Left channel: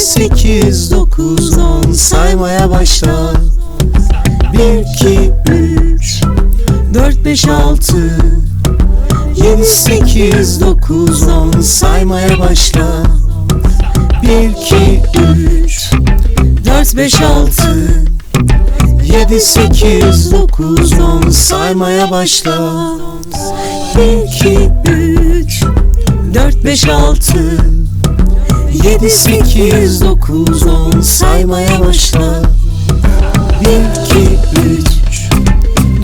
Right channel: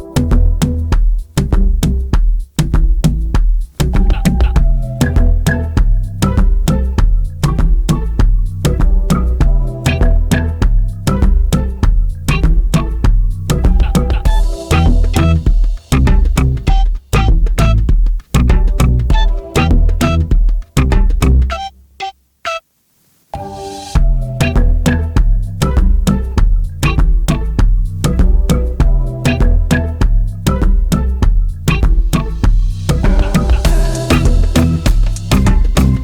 sekiz, dokuz, on saymaya başla. Bir, iki, üç, dört, beş, altı, yedi, sekiz, dokuz, on saymaya başla. Bir, iki, üç, dört, beş, altı, yedi, sekiz, dokuz, on saymaya başla. Bir, beş, altı, Yedi, sekiz, dokuz, on saymaya başla. Bir, iki, üç,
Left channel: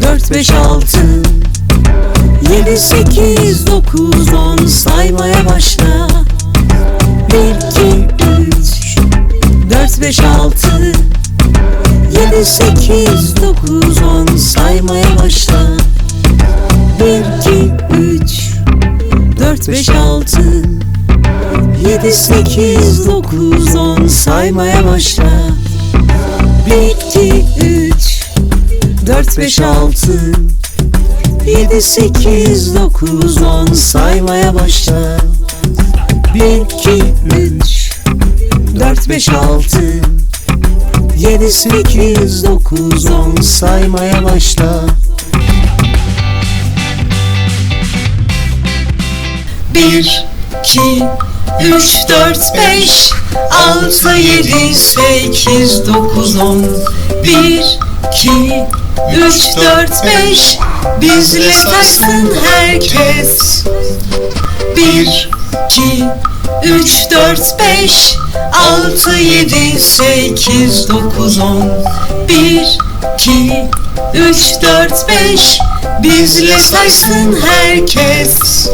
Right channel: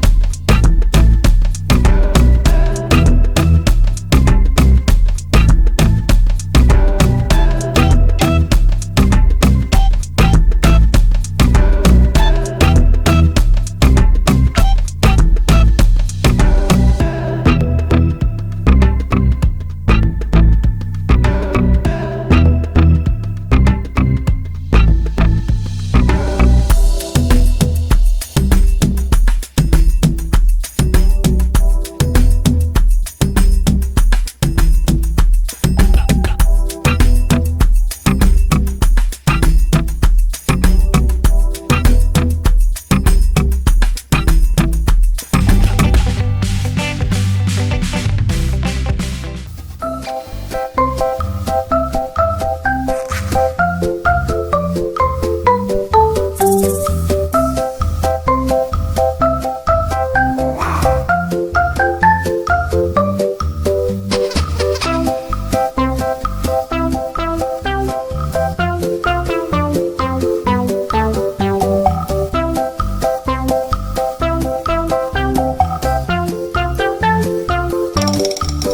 dört, beş, altı. Yedi, sekiz, dokuz, on saymaya başla. Bir, iki, üç, dört, beş, altı. Yedi, sekiz, dokuz, on saymaya başla. Bir, iki, üç, dört, beş, altı, yedi, sekiz, dokuz, on. Bir, iki, üç, dört, beş, bizle saysın herkes. Bir, iki, üç, dört, beş, altı, yedi, sekiz, dokuz, on. Bir, iki, üç, dört, beş, bizle saysın herkes.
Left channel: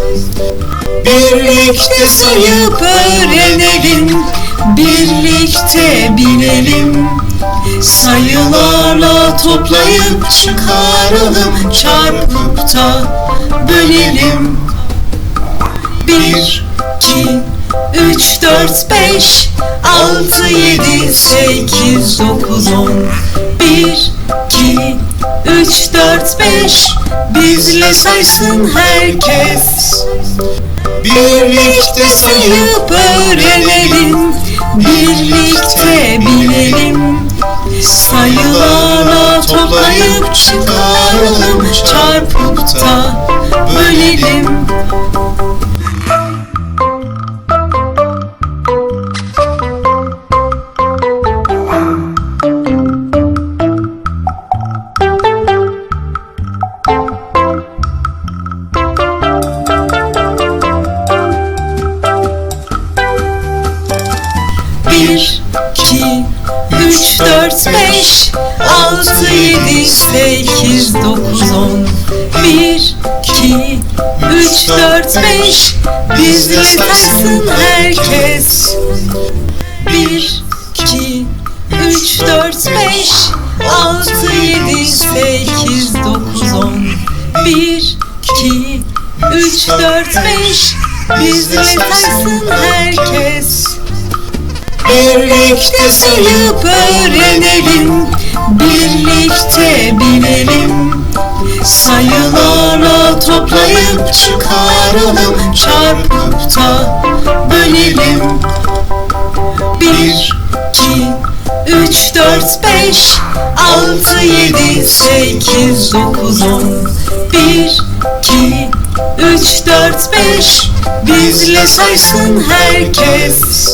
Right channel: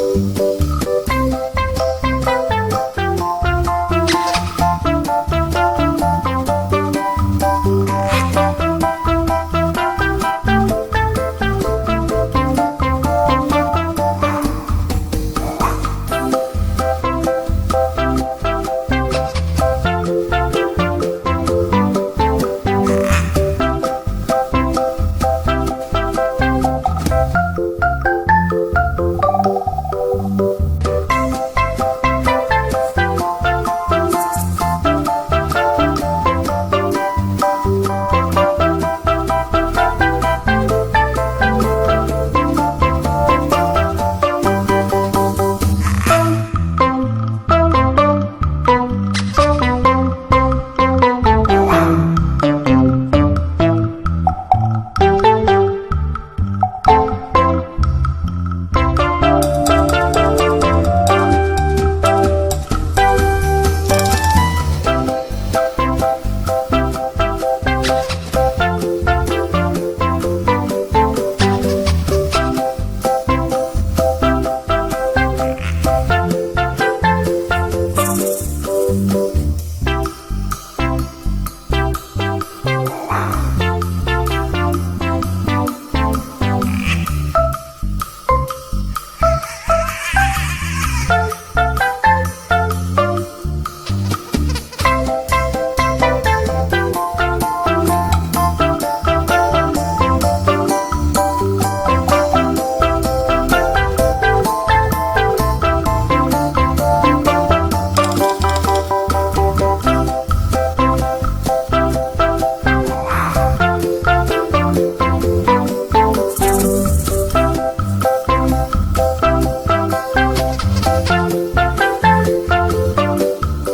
Birlikte sayıp öğrenelim Birlikte bilelim Sayılarla toplayıp çıkaralım Çarpıp da bölelim. Bir, iki, üç, dört, beş Altı, yedi, sekiz, dokuz, on. Bir, iki, üç, dört, beş. Bizle saysın herkes. Birlikte sayıp öğrenelim. Birlikte bilelim Sayılarla toplayıp çıkaralım Çarpıp dokuz, on Bir, iki, üç, dört, beş Bizle saysın herkes Bir, iki, üç, dört, beş Altı, yedi, sekiz, dokuz, on Bir, iki, üç, dört, beş Bizle saysın herkes Birlikte sayıp öğrenelim Birlikte bilelim Yedi, sekiz, dokuz, on. Bir, iki, üç, dört, beş. Bizle saysın herkes